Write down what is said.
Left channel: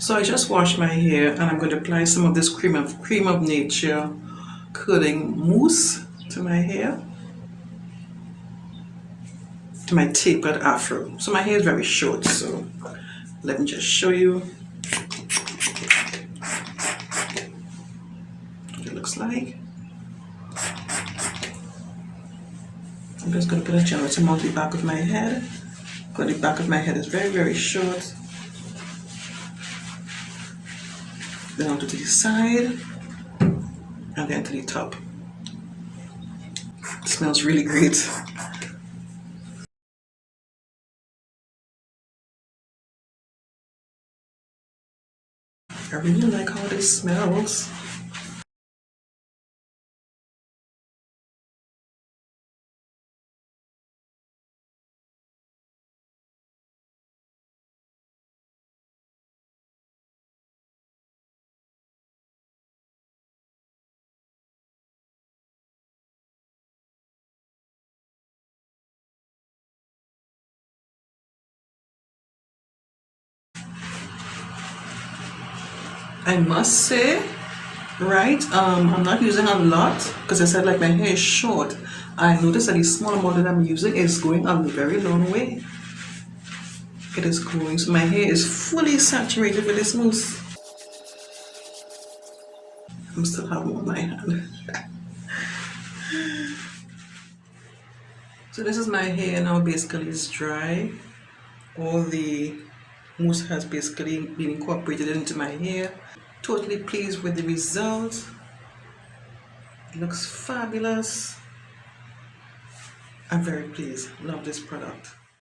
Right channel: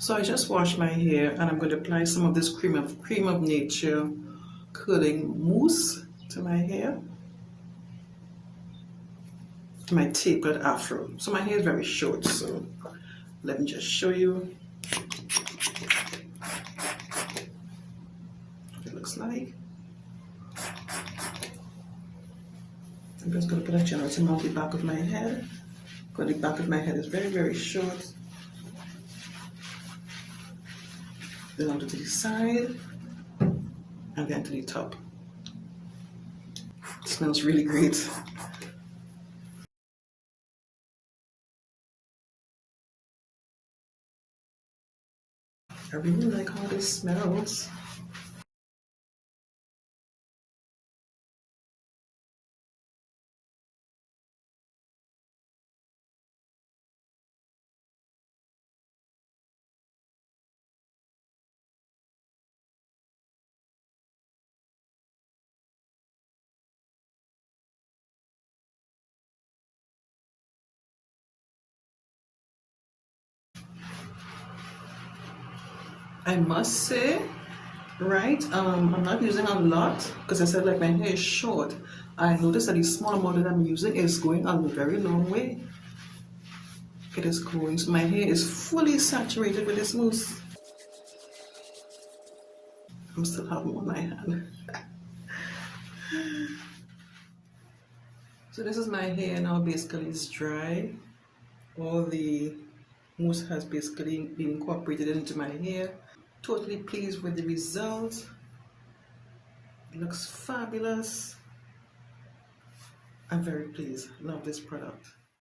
So I just washed my hair and I'm going to apply some of this cream of nature curling mousse to my hair, to my tapered afro. So my hair is very short, so let me just show you what it looks like. I'm just going to put a generous amount on the back of my head, because the back of my head is very short. Then onto the side and then to the top. It smells really great. I really like how this smells. I must say, right, I'm not using a lot because I said like my hair is short. I noticed that the small amount that I'm using is going a very long way. It is going, so my hair is fully saturated with this mousse. I'm still have more on my hand. So this is my hair now. Basically it's dry. All the mousse has basically been incorporated into my hair. Totally pleased with the result. It looks fabulous. I'm very pleased. Love this product.